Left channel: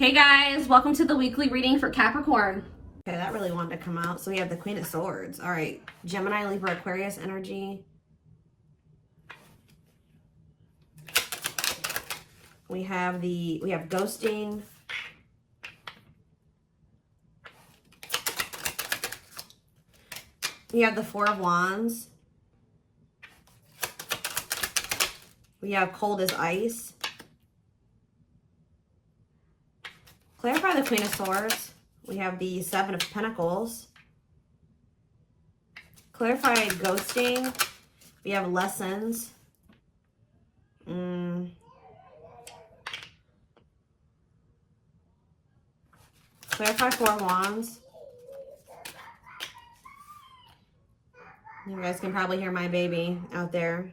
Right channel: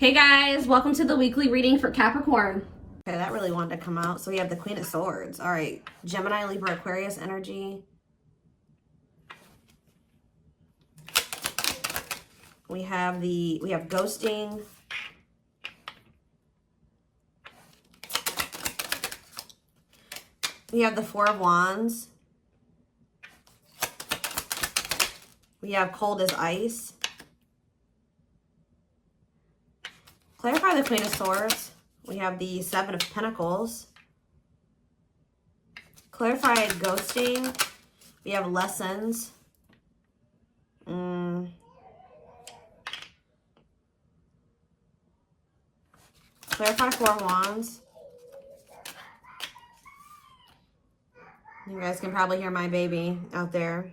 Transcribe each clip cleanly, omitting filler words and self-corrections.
Hey guys, welcome to the weekly reading for Capricorn. Okay, that really wanted to come out. So we have the Queen of Swords. All right, Gemini, Libra, Aquarius energy. We have ghosting. We have the Four of Wands. We have cold as ice. Clarify the Queen of Swords. We have the Seven of Pentacles. Clarify ghosting. We have lessons. Clarify Four of Wands. You guys can probably hear my baby out there.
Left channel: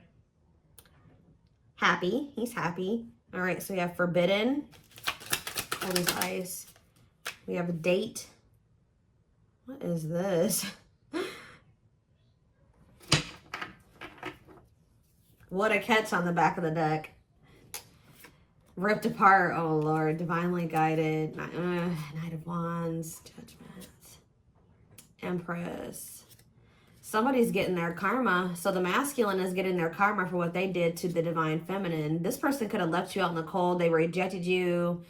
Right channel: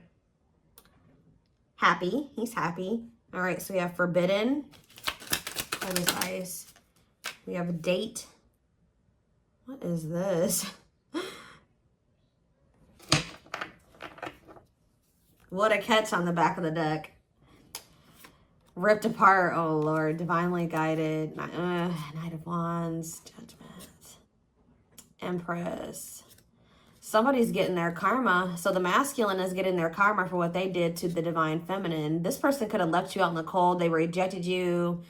Happy. He's happy. All right, so we have forbidden. That is ice. We have a date. What is this? What a catch on the back of the deck. Ripped apart. Oh, Lord. Divinely guided. Knight of Wands. Judgment. Empress. Somebody's getting their karma. So the masculine is getting their karma for what they did to the divine feminine. This person could have left you out in the cold. They rejected you.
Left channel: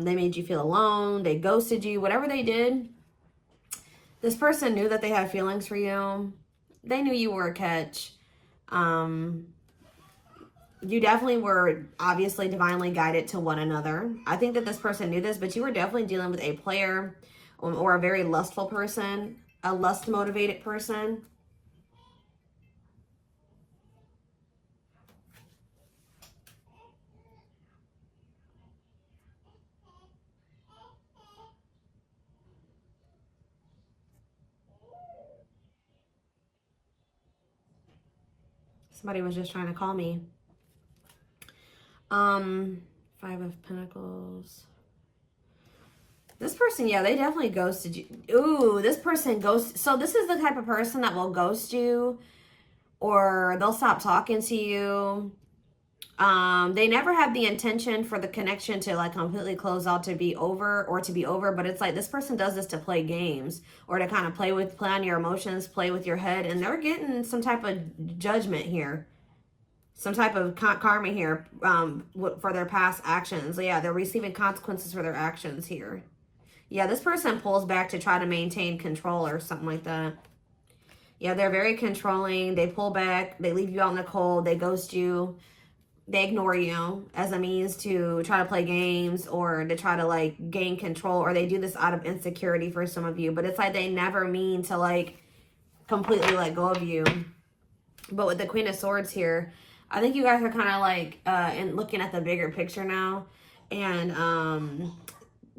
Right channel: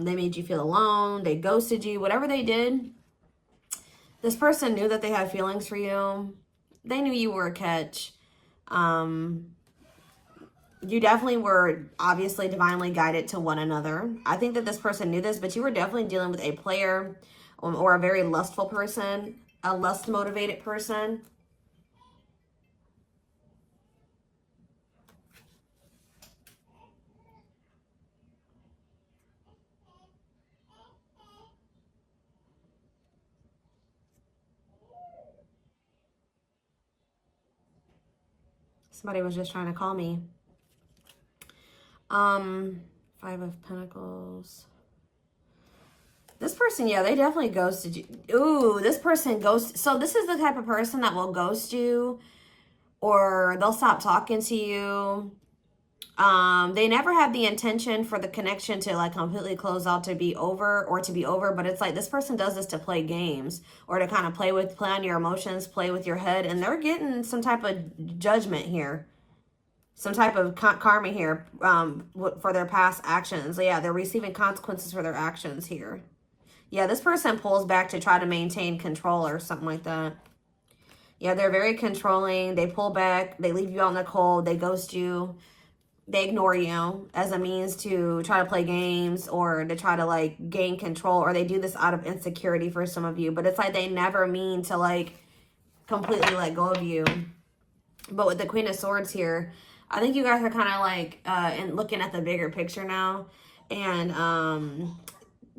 They made you feel alone. They ghosted you. Whatever they did, this person knew that they had feelings for you. They knew you were a catch. You definitely were obviously divinely guided to one another. I think that this person knew this, but you were definitely dealing with a player or a very lustful person, a lust-motivated person. Somebody was just trying to call me. Five of Pentacles. This person, yeah, they definitely ghosted you. Ooh, this person ghosted. So this is the type of person that will ghost you, or they'll stop talking to you. They never had the intention for the connection to like completely close out, to be over, but it's like this person does this to play games or to kind of play on your emotions, play with your head, and they're getting some type of judgment here. Some type of karma here for their past actions. Yeah, they're receiving consequences for their actions here. Yeah, this person pulls back to try to maintain control or something like that. Yeah, they're very controlling. They pull back. They leave you out in the cold. They ghost you. They ignore you as a means to try to play games or to try to like gain control, or they do this out of insecurity for some of you. But it's like they never mean to like completely let go of you. But with the Queen of Swords here, I think you guys are kind of like and looking at the bigger picture now, and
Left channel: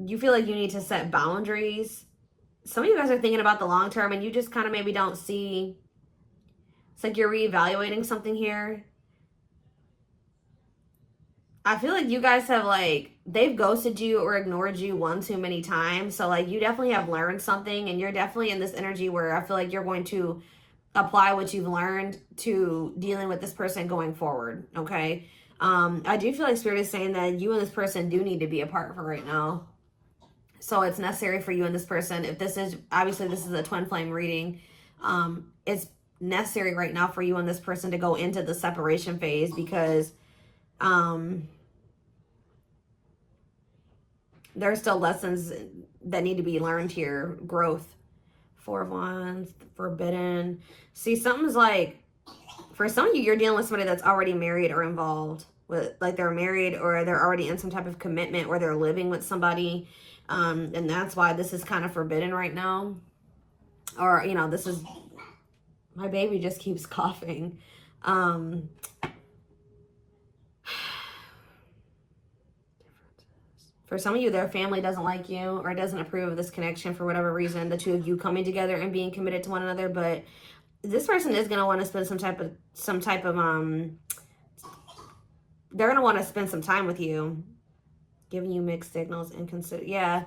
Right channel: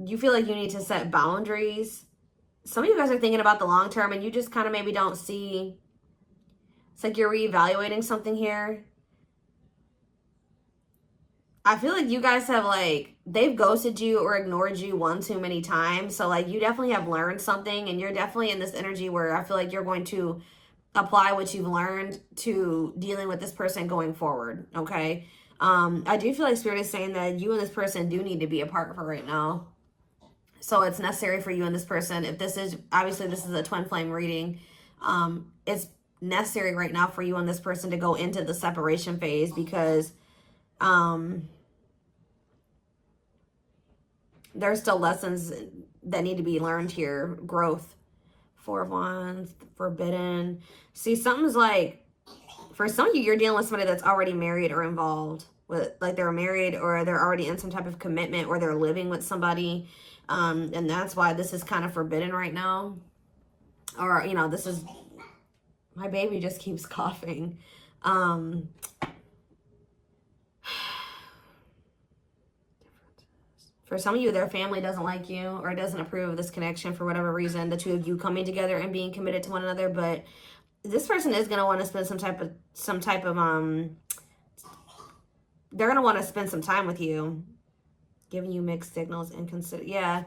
you feel like you need to set boundaries. Some of you guys are thinking about the long term, and you just kind of maybe don't see. It's like you're reevaluating something here. I feel like you guys have like, they've ghosted you or ignored you one too many times. So like you definitely have learned something, and you're definitely in this energy where I feel like you're going to apply what you've learned to dealing with this person going forward. Okay. I do feel like Spirit is saying that you and this person do need to be apart for right now. So it's necessary for you and this person. If this is, obviously this is a twin flame reading. It's necessary right now for you and this person to go into the separation phase, because there's still lessons that need to be learned here. Growth. Four of Wands, forbidden. See, something's like, for some of you, you're dealing with somebody that's already married or involved with, like they're married or they're already in some type of commitment, or they're living with somebody. And that's why this is kind of forbidden right now. Or, you know, this is, my baby just keeps coughing. For some of you, their family doesn't like you or doesn't approve of this connection for whatever reason, the two of you coming together and being committed to one another. But this person is going to want to spend some type of they're going to want to spend some time with you, giving you mixed signals and consider. Yeah.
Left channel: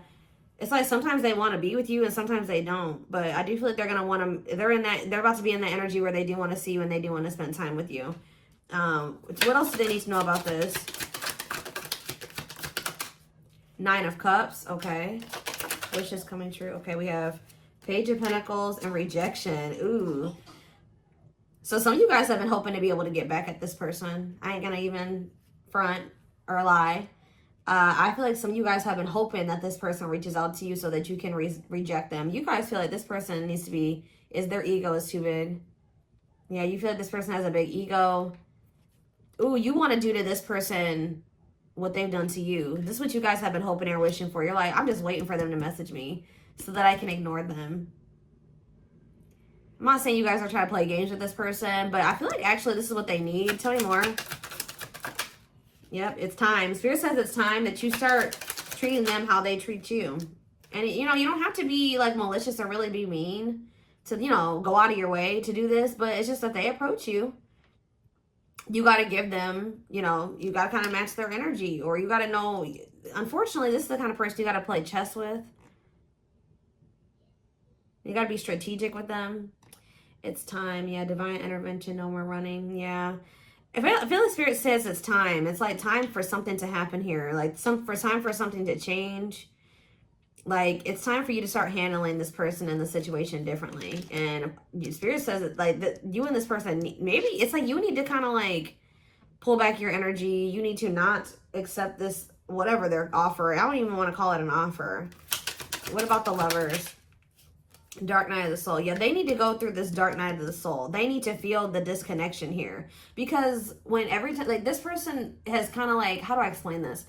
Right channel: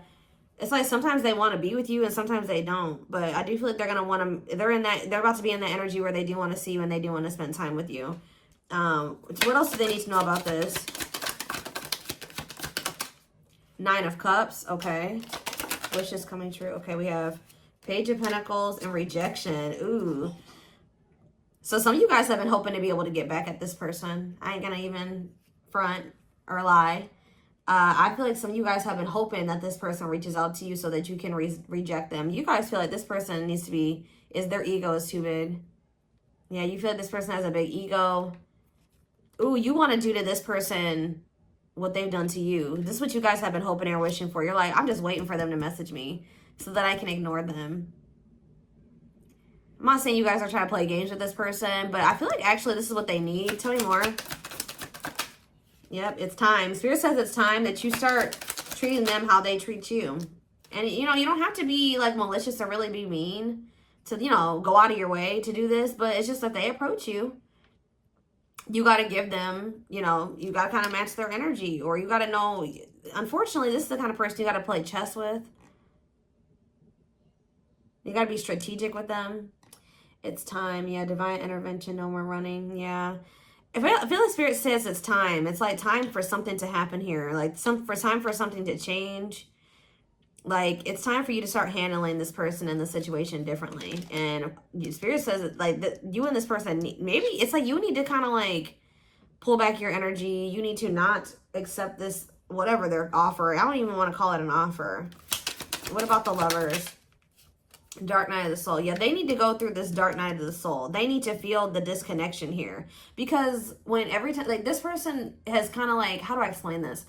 It's like sometimes they want to be with you and sometimes they don't. But I do feel like they're going to want to, they're about to be in that energy where they do want to see you and they do want to spend time with you. What else do they need to know about this? 9 of Cups. Okay. Wishes coming true. Okay, we have Page of Pentacles and rejection. Ooh. So some of you guys have been hoping to be able to get back at this person. I ain't gonna even front or lie. I feel like some of you guys have been hoping that this person reaches out to you so that you can reject them. You guys feel like this person needs to be, their ego is too big. Yeah, you feel like this person has a big ego. Ooh, you want to do to this person what they've done to you. This is what you guys have been hoping and wishing for. You're like, I'm just waiting for them to message me so that I can ignore them. I'm not saying you guys are trying to play games with this person, but I feel like actually this is what they need. Tell me more. Yep, it's time. Spirit says it's time that you start treating them how they treat you. And, you know, you don't have to be, like, malicious or really be mean to, you know, go out of your way to do this. But it's just that they approach you. You got to give them, you know, you got to kind of match their energy. Or you got to know, unfortunately, this is the kind of person you got to play chess with. You got to be strategic with them. It's time. Yeah, divine intervention. No more running. Yeah. I feel like Spirit says it's time. It's like time for something to happen here. Like time for something to change. Like it's time for you to start handling this person and the situation differently. And Spirit says it, like that you and this person, maybe it's like you need to kind of like pull back your energy. You need to not accept this, whatever their offer. I don't even want to call it an offer. What about the Lovers? Dark night of the soul. Yeah, they need to go through this dark night of the soul. They need to feel the disconnection here. Because when every time, like this person has kind of like, how do I explain this?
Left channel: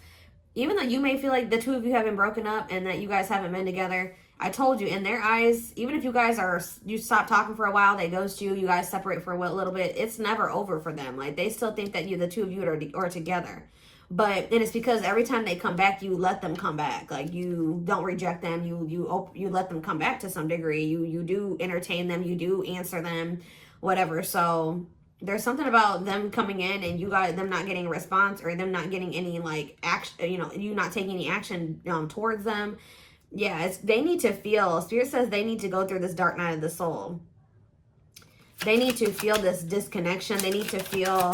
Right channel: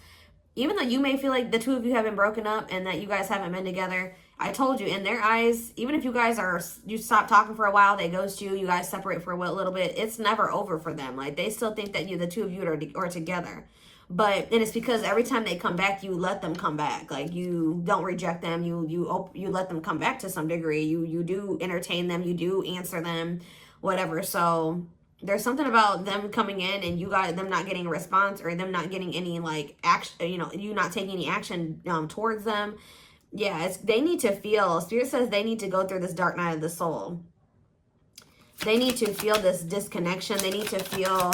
Even though you may feel like the two of you haven't broken up and that you guys haven't been together, I told you, in their eyes, even if you guys you stop talking for a while, they ghost you, you guys separate for a little bit, it's never over for them. Like they still think that the two of you are together. And it's because every time they come back, you let them come back. Like you don't reject them. You let them come back to some degree. You do entertain them. You do answer them, whatever. So there's something about them coming in and them not getting a response or them not getting any like action. You know, you not taking any action towards them. Yeah, they need to feel. Spirit says they need to go through this dark night of the soul. They need to feel this disconnection. They need to feel.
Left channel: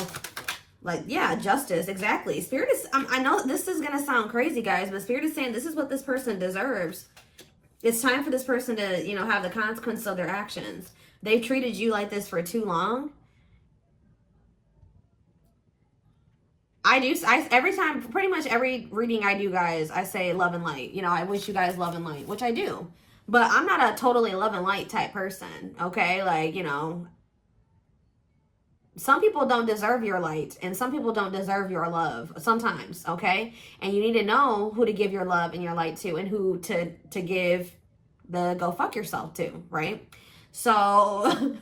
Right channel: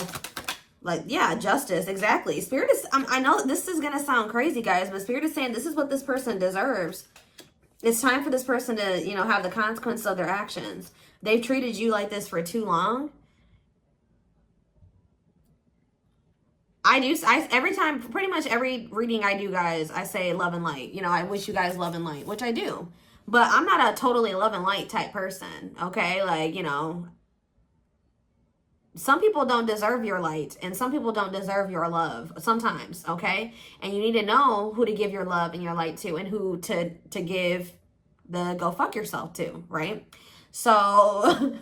Like, yeah, justice, exactly. Spirit is, I know this is going to sound crazy, guys, but Spirit is saying this is what this person deserves. It's time for this person to, you know, have the consequences of their actions. They've treated you like this for too long. Every time, pretty much every reading I do, guys, I say love and light. You know, I wish you guys love and light, which I do. But I'm not a totally love and light type person, okay? Like, you know, some people don't deserve your light and some people don't deserve your love sometimes, okay? And you need to know who to give your love and your light to and who to give the go fuck yourself to, right? So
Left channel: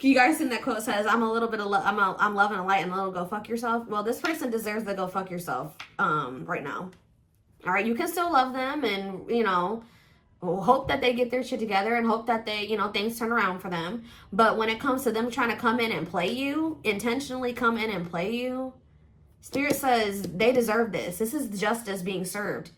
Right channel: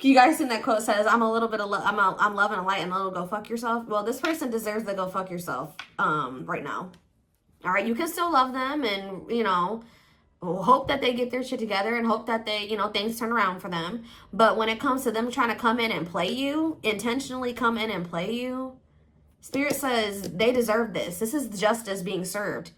you guys seen that quote says, I'm a little bit of I'm loving a light and a little go fuck yourself. Well, this person deserves the go fuck yourself right now. All right, you can still love them and, you know, hope that they get their shit together and hope that they, you know, things turn around for them. But when it comes to them trying to come in and play you, intentionally come in and play you, Spirit says they deserve this. This is justice being served.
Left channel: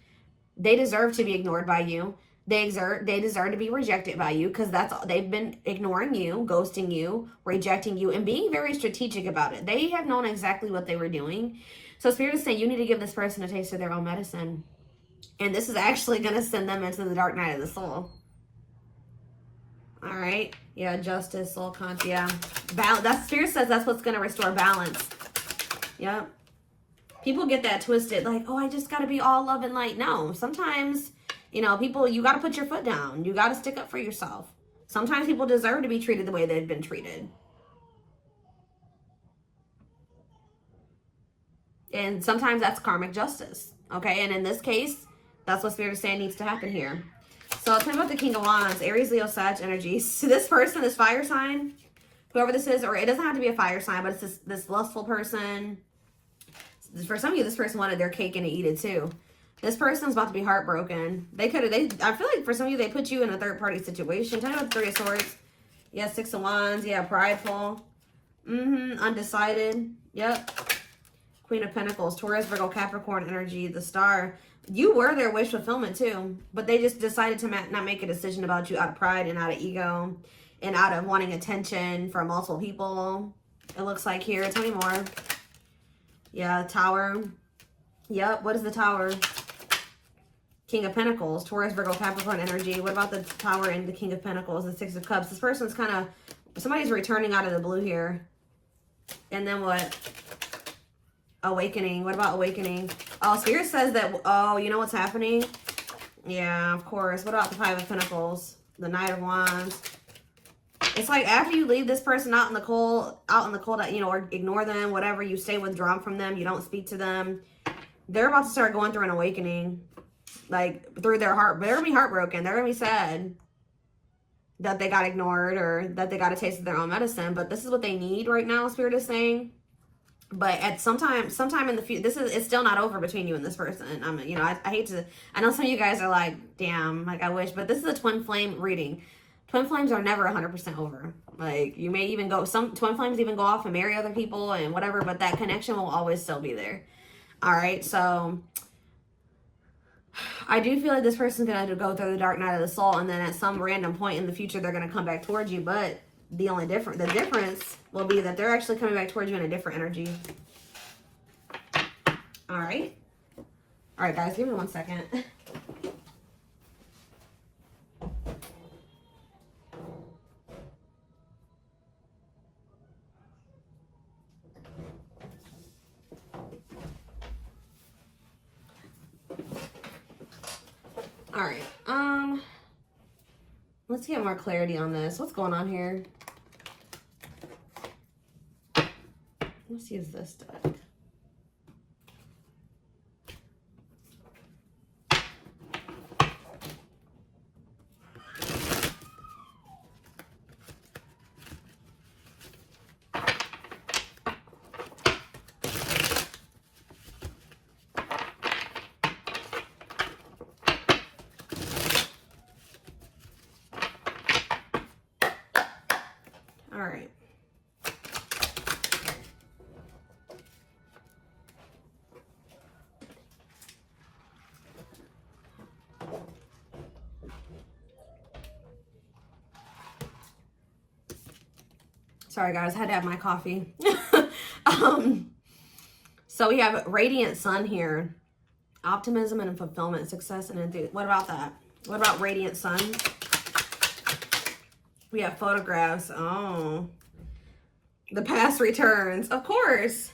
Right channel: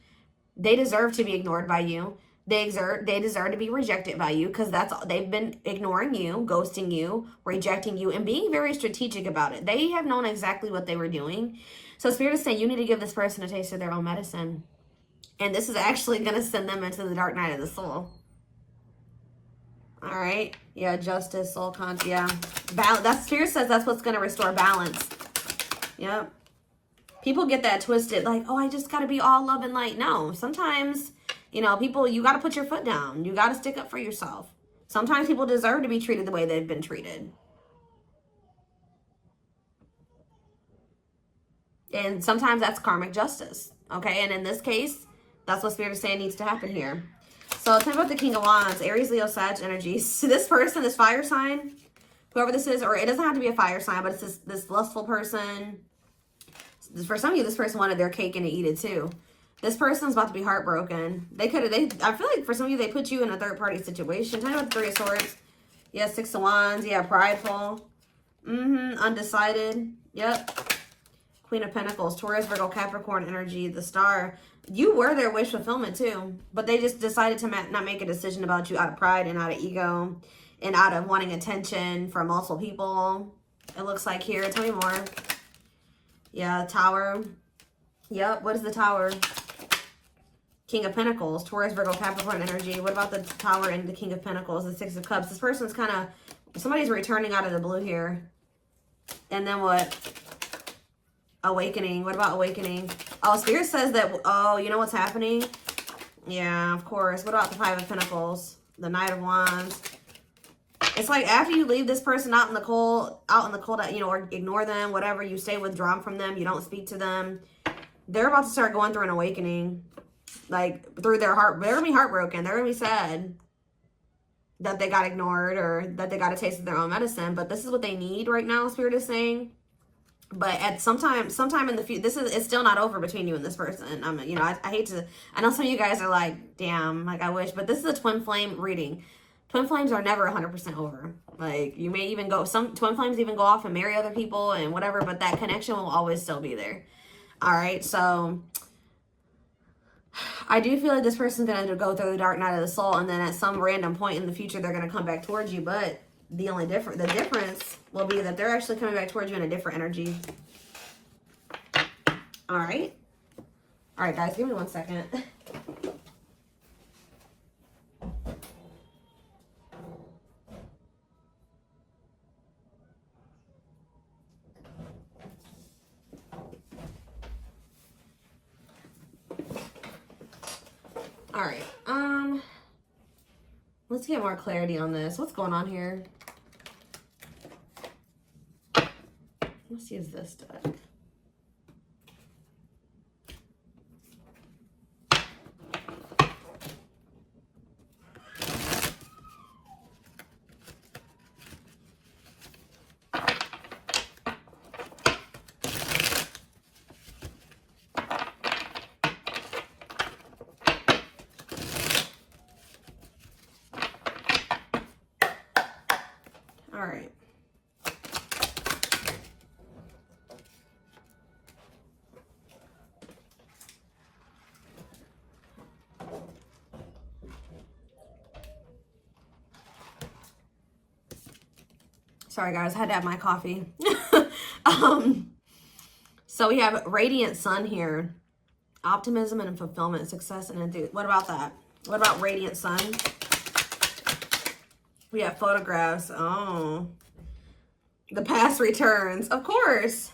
They deserve to be ignored by you. They deserve to be rejected by you because that's all. They've been ignoring you, ghosting you, rejecting you, and being very strategic about it. They have known exactly what they were doing. So Spirit is saying you need to give this person a taste of their own medicine. And this is actually going to send them into the dark night of the soul. All right. Yeah, justice, soul conscious. Yeah. That Spirit says that's what's going to restore balance. Yep. People get that twisted. Like, oh, I just got to be all love and light. No. Sometimes, you know, people, you got to put your foot down. You got to stick up for yourself. Sometimes people deserve to be treated the way they've been treated. And sometimes that's karmic justice. Okay. And in this case, that's what Spirit is saying needs to happen here. So think about the King of Wands, Aries, Leo, Sag energies. So this person, this fire sign, whoever this is, or it doesn't have to be a fire sign, but it's this lustful person. For some of you, this person wanted their cake and to eat it too. This person's about to be heartbroken. I feel like for some of you, they put you in a third party situation. Tell me about the Three of Swords. Yeah, Six of Wands. Yeah, prideful. Undecided. Yep. Queen of Pentacles, Taurus, Virgo, Capricorn energy, the Star. You were their wish fulfillment too, but they just decided to not make a decision about you out of pride and out of ego and out of wanting attention from multiple people. It looks like here. Tell me more. Yeah, Tower. Yep. What is the Tower? King of Pentacles, Taurus, Virgo, Capricorn energy. What about the Tower and the King of Pentacles, the Six of Cups? This person's kind of, somebody's returning out of the blue here. And then what? Awakening. What about awakening? Oh, Spirit says that, oh, you know what's happening? Yeah, of course. What about the Five of Pentacles? The Knight of Wands. It's like after you leave this person out in the cold, you know, or ignore them, whatever, you stay withdrawn from them, you don't speak to them. They're about to start going through an awakening. Like, through their heart. They're going to be heartbroken. They're going to be sad that they got ignored or that they got a taste of their own medicine. But this is what they need right now, Spirit is saying. But at sometime in the future, it's still not over between you and this person. You know, I hate to, I know some of you guys are like, damn, like I wish, but this is a twin flame reading. Twin flames are never 100% over. Like, you may even go, some twin flames even go off and marry other people and whatever, but that connection will always still be there. All right, so I do feel like this person's going to go through the dark night of the soul, and then at some random point in the future, they're going to come back towards you. But the difference will be that they're actually coming back towards you in a different energy. All right. All right, guys, give me 1 second. All right, let's get more clarity on this. What's going on here? Let's use this deck. All right. Sorry guys, I had to have my coffee. So we have radiant sun here. Optimism and fulfillment, success and enthusiasm. What about that? What about radiant sun? We have photographs. Oh, the past returns, of course.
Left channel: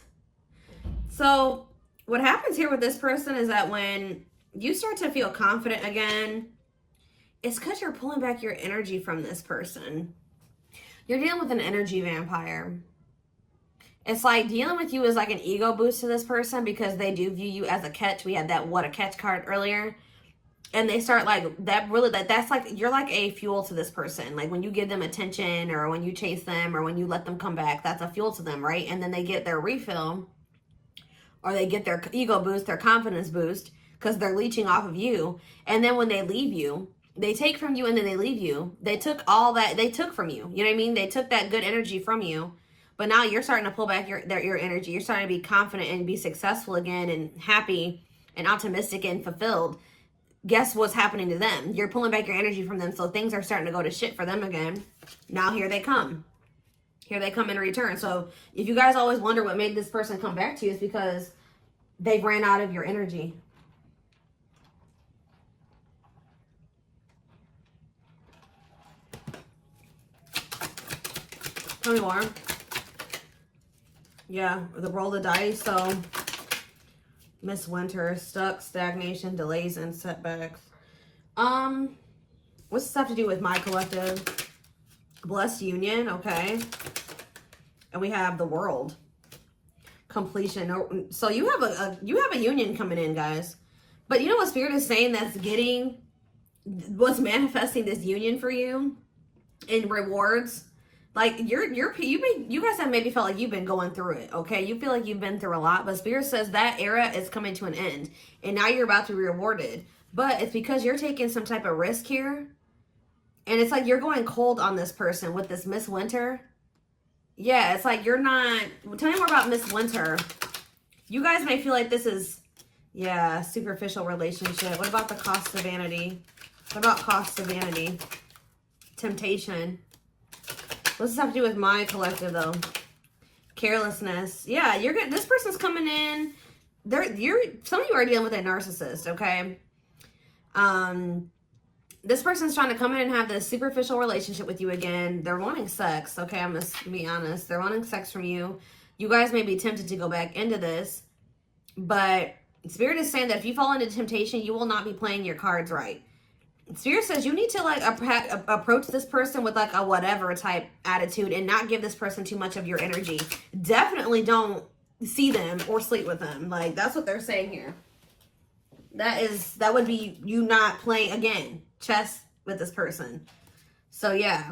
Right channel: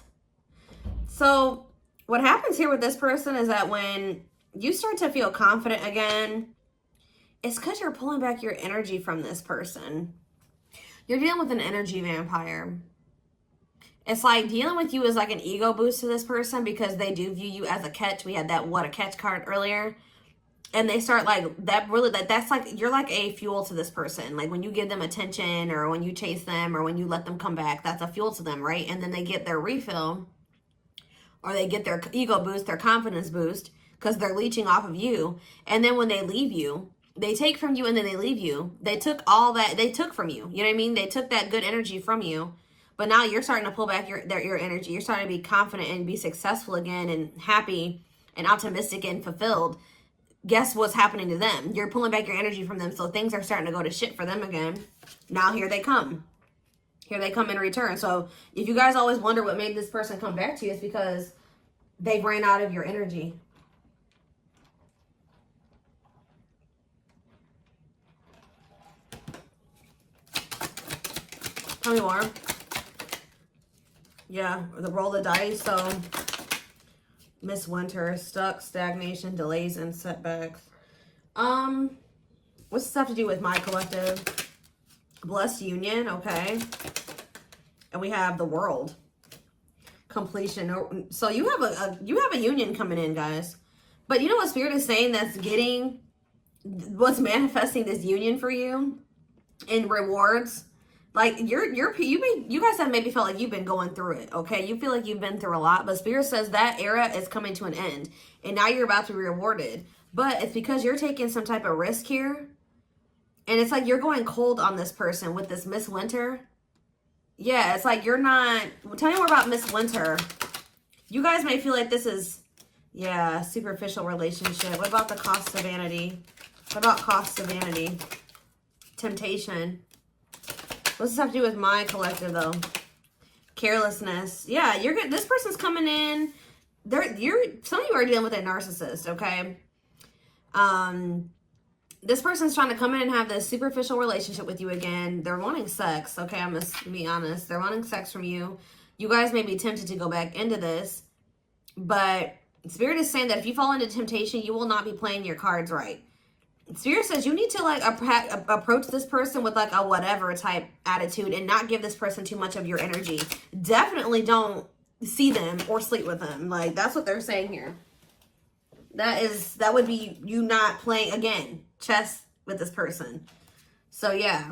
So what happens here with this person is that when you start to feel confident again, it's because you're pulling back your energy from this person. You're dealing with an energy vampire. It's like dealing with you is like an ego boost to this person because they do view you as a catch. We had that what a catch card earlier. And they start like that really that's like you're like a fuel to this person. Like when you give them attention or when you chase them or when you let them come back, that's a fuel to them, right? And then they get their refill or they get their ego boost, their confidence boost because they're leeching off of you. And then when they leave you, they take from you and then they leave you. They took all that they took from you. You know what I mean? They took that good energy from you. But now you're starting to pull back your energy. You're starting to be confident and be successful again and happy and optimistic and fulfilled. Guess what's happening to them? You're pulling back your energy from them, so things are starting to go to shit for them again. Now here they come. Here they come in return. So if you guys always wonder what made this person come back to you, it's because they ran out of your energy. Tell me more. Yeah, the roll of the dice. So Miss Winter, stuck, stagnation, delays, and setbacks. What's this have to do with my collective? Blessed union, okay. And we have the world. Completion. So you have a union coming in, guys. But you know what Spirit is saying what's manifesting this union for you in rewards? Like you guys have maybe felt like you've been going through it, okay? You feel like you've been through a lot, but Spirit says that era is coming to an end, and now you're about to be rewarded. But it's because you're taking some type of risk here, and it's like you're going cold on this person with this Miss Winter. Yeah, it's like you're not. Well, tell me more about Miss Winter. You guys may feel like this is, yeah, superficial relationship. What about the cost of vanity? What about cost of vanity? Temptation. What's this have to do with my collective, though? Carelessness. Yeah, you're getting, this person's coming in. some of you are dealing with a narcissist, okay? This person's trying to come in and have this superficial relationship with you again. They're wanting sex, okay? I'm just gonna be honest. They're wanting sex from you. You guys may be tempted to go back into this, but Spirit is saying that if you fall into temptation, you will not be playing your cards right. Spirit says you need to like approach this person with like a whatever type attitude and not give this person too much of your energy. Definitely don't see them or sleep with them. Like, that's what they're saying here. That would be you not playing, again, chess with this person. So yeah,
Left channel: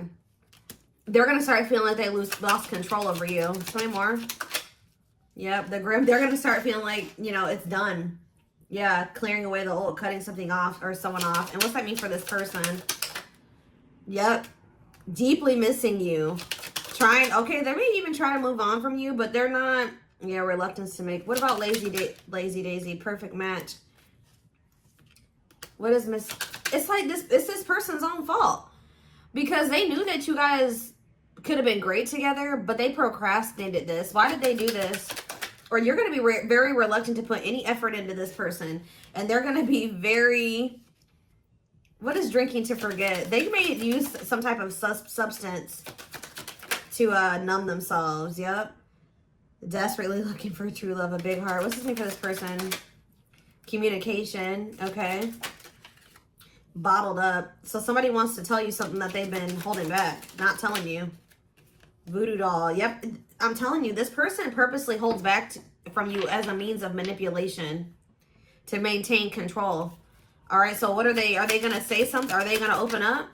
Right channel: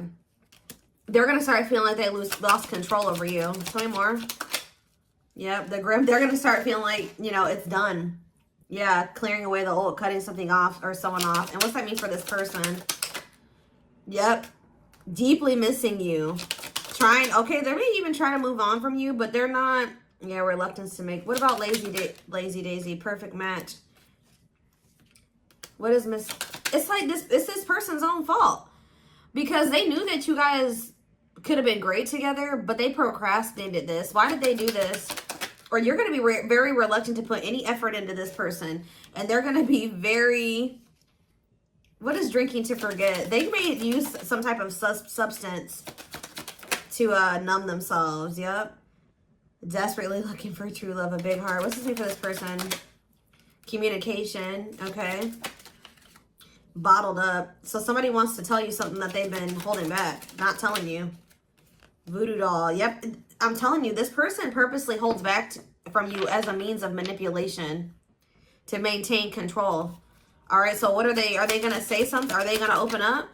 they're gonna start feeling like they lost control over you. Tell me more. Yep, they're gonna start feeling like, you know, it's done. Yeah, clearing away the old, cutting something off or someone off. And what's that mean for this person? Yep, deeply missing you. Okay, they may even try to move on from you, but they're not. Yeah, reluctance to make. What about Lazy Daisy? Perfect match. What is it's like it's this person's own fault, because they knew that you guys could have been great together, but they procrastinated this. Why did they do this? Or you're going to be very reluctant to put any effort into this person, and they're going to be very, what is drinking to forget? They may use some type of substance to numb themselves. Yep. Desperately looking for true love, a big heart. What's this mean for this person? Communication. Okay. Bottled up. So somebody wants to tell you something that they've been holding back, not telling you. Voodoo doll. Yep. I'm telling you, this person purposely holds back from you as a means of manipulation to maintain control. All right. So what are they going to say something? Are they going to open up?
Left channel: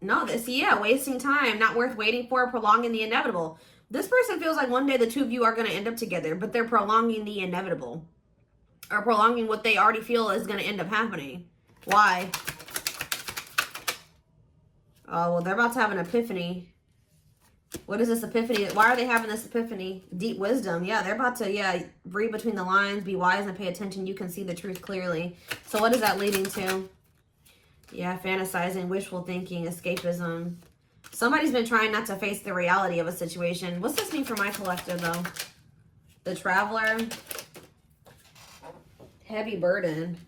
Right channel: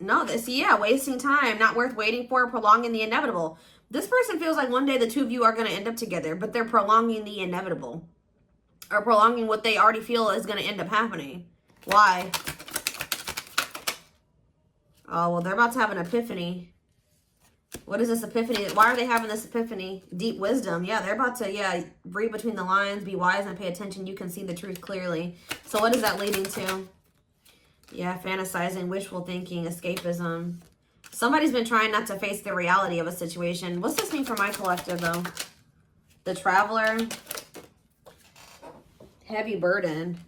No, wasting time, not worth waiting for, prolonging the inevitable. This person feels like one day the two of you are going to end up together, but they're prolonging the inevitable, or prolonging what they already feel is going to end up happening. Why? Oh, well, they're about to have an epiphany. What is this epiphany? Why are they having this epiphany? Deep wisdom. Yeah, they're about to, read between the lines, be wise and pay attention. You can see the truth clearly. So what is that leading to? Yeah, fantasizing, wishful thinking, escapism. Somebody's been trying not to face the reality of a situation. What's this mean for my collective, though? The Traveler. Heavy burden.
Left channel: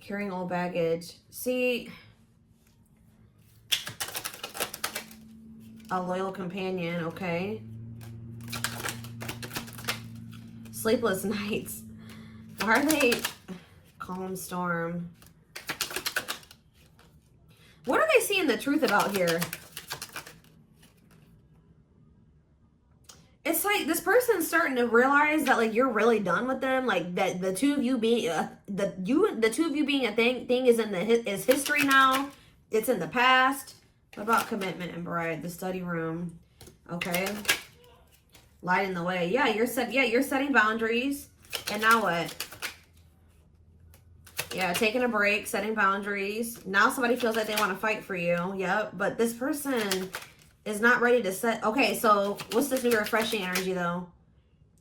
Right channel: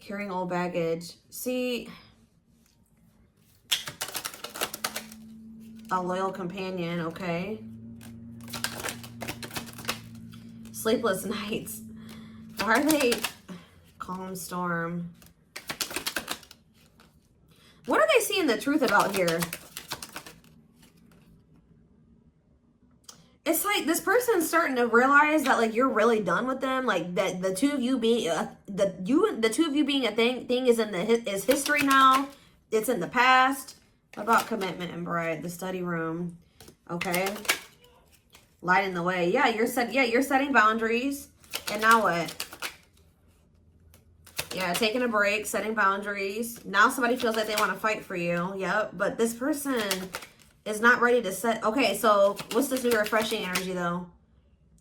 Carrying old baggage. See, a loyal companion, okay. Sleepless nights. Why are they? Calm storm. What are they seeing the truth about here? It's like this person's starting to realize that like you're really done with them. Like that the two of you being the two of you being a thing is is history now. It's in the past. About commitment and bride, the study room. Okay. Lighting the way. Yeah, you're setting boundaries. And now what? Yeah, taking a break, setting boundaries. Now somebody feels like they want to fight for you. Yep. But this person is not ready to set. Okay, so what's this new refreshing energy though?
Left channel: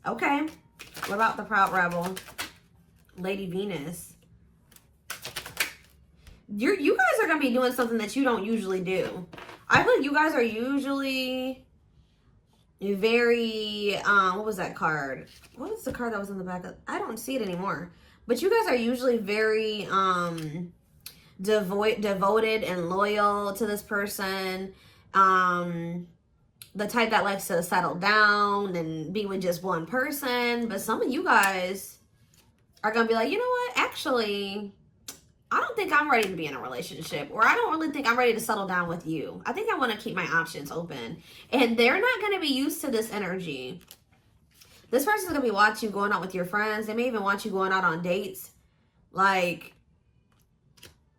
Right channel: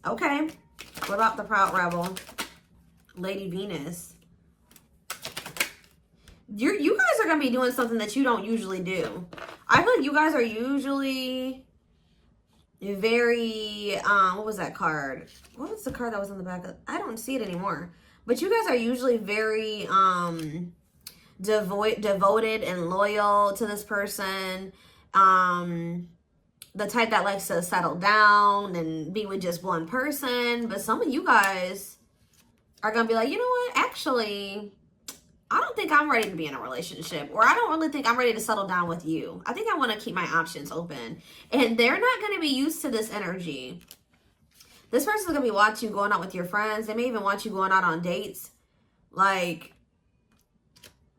Okay. What about the Proud Rebel? Lady Venus. You guys are going to be doing something that you don't usually do. I feel like you guys are usually very, what was that card? What was the card that was on the back? I don't see it anymore. But you guys are usually very devoted and loyal to this person. The type that likes to settle down and be with just one person. But some of you guys are going to be like, you know what? Actually, I don't think I'm ready to be in a relationship, or I don't really think I'm ready to settle down with you. I think I want to keep my options open. And they're not going to be used to this energy. This person's going to be watching you going out with your friends. They may even watch you going out on dates. Like,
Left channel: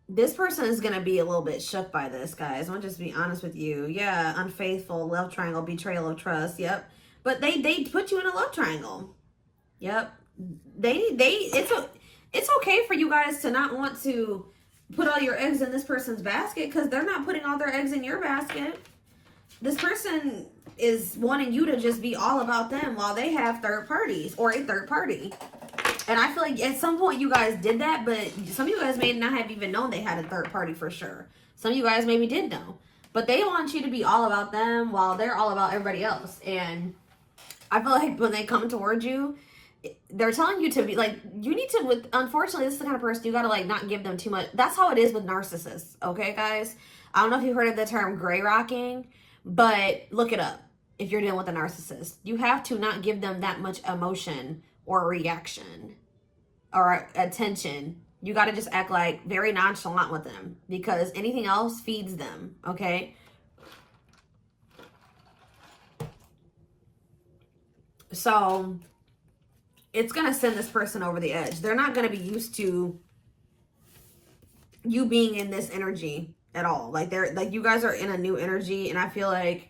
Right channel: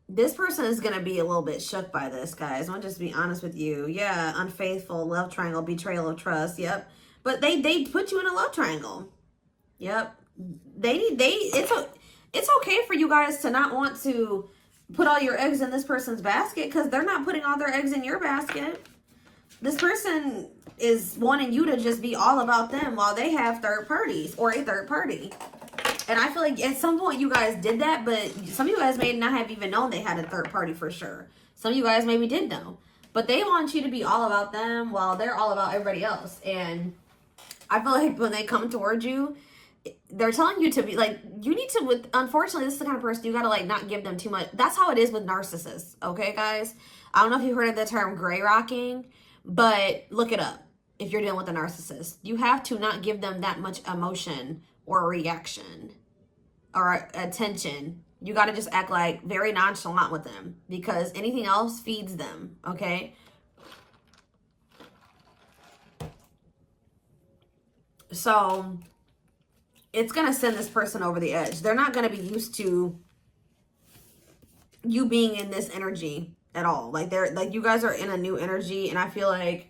this person is going to be a little bit shook by this, guys. I'll just be honest with you. Yeah, unfaithful, love triangle, betrayal of trust. Yep. But they put you in a love triangle. Yep. It's okay for you guys to not want to put all your eggs in this person's basket, because they're not putting all their eggs in your basket. This person is wanting you to just be all about them while they have third parties or a third party. And I feel like at some point you guys did that, but some of you guys may not have even known they had a third party for sure. Some of you guys maybe did know. But they want you to be all about them while they're all about everybody else. And I feel like when they come towards you, they're telling you to be like, you need to, unfortunately, this is the kind of person you got to like not give them too much. That's how it is with narcissists. Okay, guys? I don't know if you've heard of the term gray rocking, but look it up. If you're dealing with a narcissist, you have to not give them that much emotion or reaction or attention. You got to just act like very nonchalant with them, because anything else feeds them. Okay. So it's going to send this person over the edge. They're not going to be used to you being in this energy at all. Like they're like, you guys are in a new energy, and I feel like,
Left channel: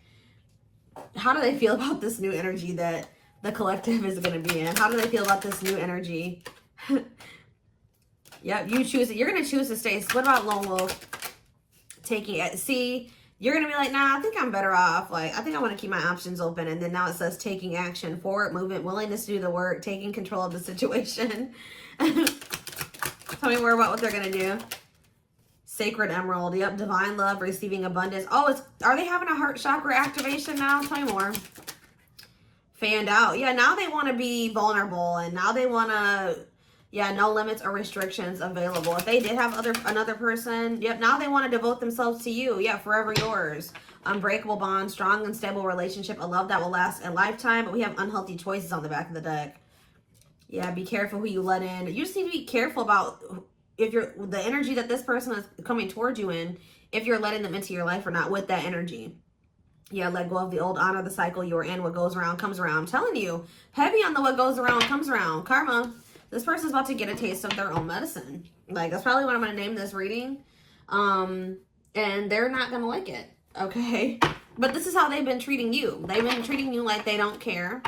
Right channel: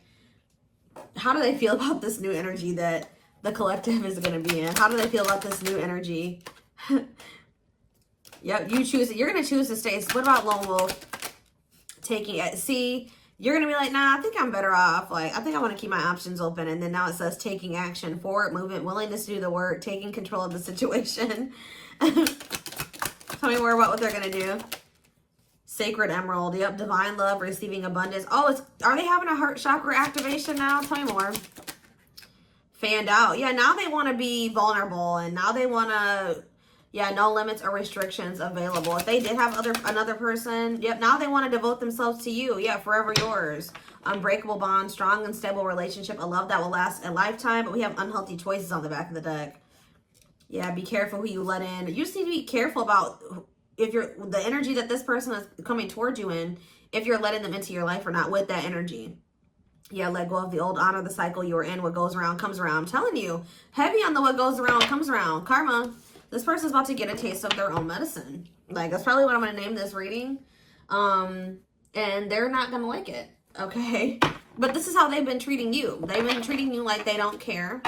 how do they feel about this new energy that the collective is going to be in? How do they feel about this new energy? Yep, you choose it. You're going to choose to stay. So what about Lone Wolf? Taking it. See, you're going to be like, nah, I think I'm better off. Like, I think I want to keep my options open. And then now it says taking action, forward movement, willingness to do the work, taking control of the situation. Tell me more about what they're going to do. Sacred Emerald. Yep, divine love, receiving abundance. Oh, are they having a heart chakra activation now? Tell me more. Fanned out. Yeah, now they want to be vulnerable, and now they want to, yeah, no limits or restrictions available. If they did have another person, yep, now they want to devote themselves to you. Yeah, forever yours. Unbreakable bond, strong and stable relationship, a love that will last a lifetime. But we have unhealthy choices on the back of the deck. Yeah, be careful who you let in. You just need to be careful about if the energy that this person is coming towards you in, if you're letting them into your life or not with that energy. Yeah, let go of the old, honor the cycle you're in. What goes around comes around. I'm telling you, heavy on the what goes around comes around. Karma. This person's about to get a taste of their own medicine. Like, that's probably what I'm going to name this reading. And they're not going to like it. Okay? But this is how they've been treating you. They've been treating you like they don't care.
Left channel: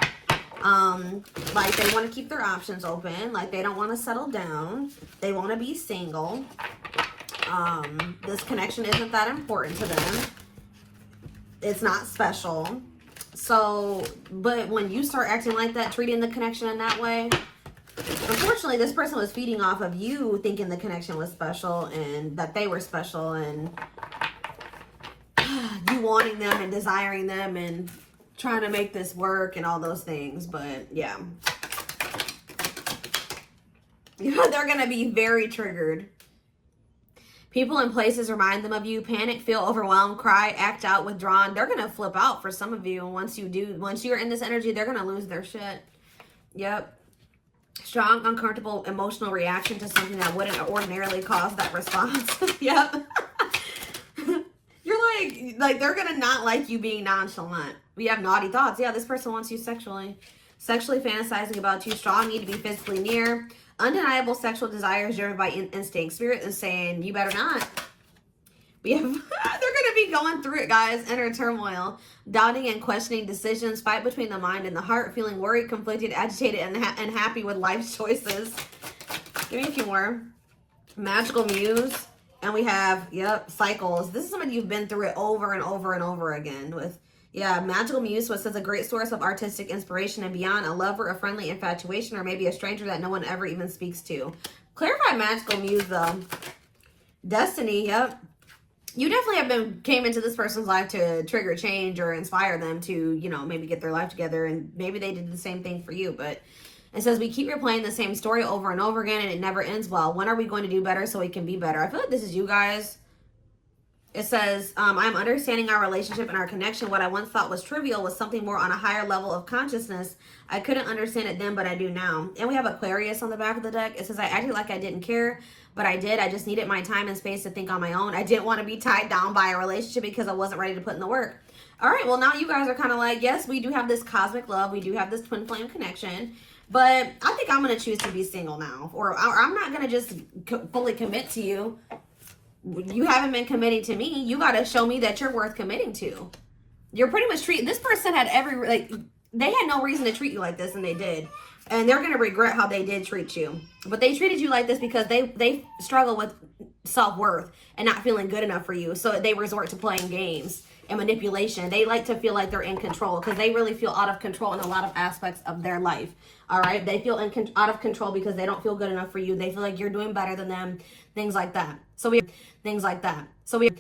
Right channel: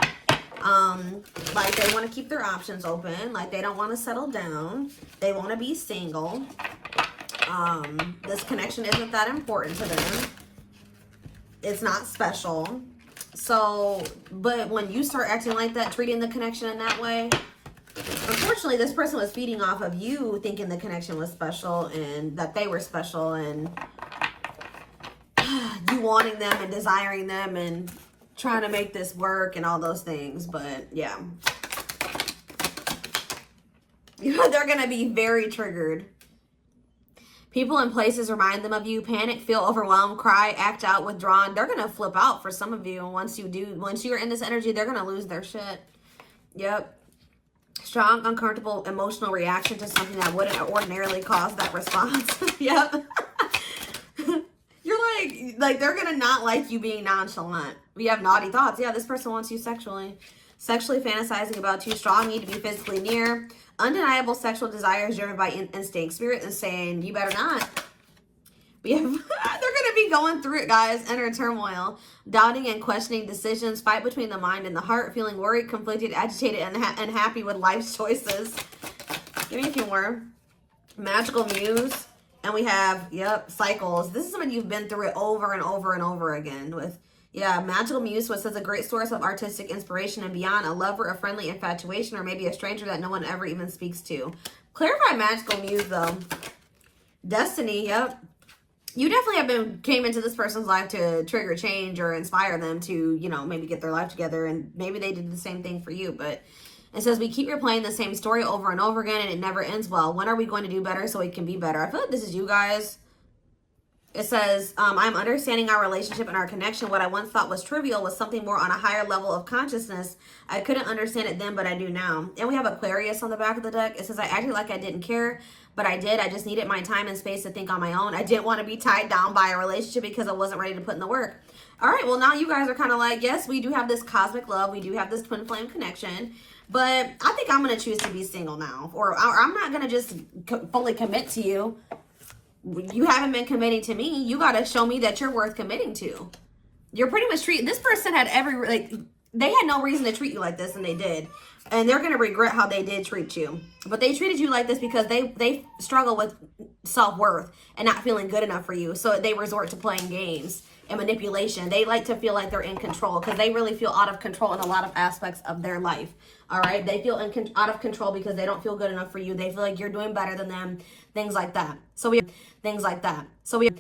Like they want to keep their options open. Like they don't want to settle down. They want to be single. This connection isn't that important to them. It's not special. So, but when you start acting like that, treating the connection in that way, unfortunately, this person was feeding off of you thinking the connection was special and that they were special, and you wanting them and desiring them and trying to make this work and all those things. But yeah, they're going to be very triggered. People and places remind them of you. Panic, feel overwhelmed, cry, act out, withdrawn. They're going to flip out for some of you. And once you're in this energy, they're going to lose their shit. Yep. Strong, uncomfortable, emotional reaction to something that wouldn't ordinarily cause that response. Yep. You're like they're going to not like you being nonchalant. We have naughty thoughts. Yeah, this person wants you sexually. Sexually fantasizing about you. Strong need to be physically near. Undeniable sexual desires driven by instinct. Spirit is saying, you better not. We have, they're going to be going through it, guys. Inner turmoil. Doubting and questioning decisions. Fight between the mind and the heart. Feeling worried, conflicted, agitated, and unhappy with life's choices. Give me a few more. Magical muse. And we have, yep, cycles. This is when you've been through it over and over and over again with, yeah, magical muse, which says a great source of artistic inspiration and beyond, a lover, a friendly infatuation, or maybe a stranger that no one ever even speaks to. Clarify magical muse, though. Destiny, yep. You definitely came into this person's life to trigger change or inspire them to, you know, maybe get their life together, and maybe they did the same thing for you. But it says we keep replaying the same story over and over again, and it never ends well. When are we going to do better so it can be better? I feel like this is you guys. It says, I'm understanding our relationship and our connection. What I once thought was trivial was something more on a higher level of consciousness. I couldn't understand it then, but I do now. And we have Aquarius on the back of the deck. It says, I acted like I didn't care, but I did. I just needed my time and space to think on my own. I didn't want to be tied down by a relationship because I wasn't ready to put in the work. All right, well, now you guys are kind of like, yes, we do have this cosmic love. We do have this twin flame connection. But I think I'm going to choose to be single now. Or I'm not going to just fully commit to you. You haven't been committing to me. You got to show me that you're worth committing to. You're pretty much treating, this person had they had no reason to treat you like this, and they did. And they're going to regret how they did treat you. But they treated you like this because they struggle with self-worth and not feeling good enough for you. So they resort to playing games and manipulation. They like to feel like they're in control because they really feel out of control in a lot of aspects of their life. All right? They feel out of control because they don't feel good enough for you. They feel like you're doing better than them. Things like that. So we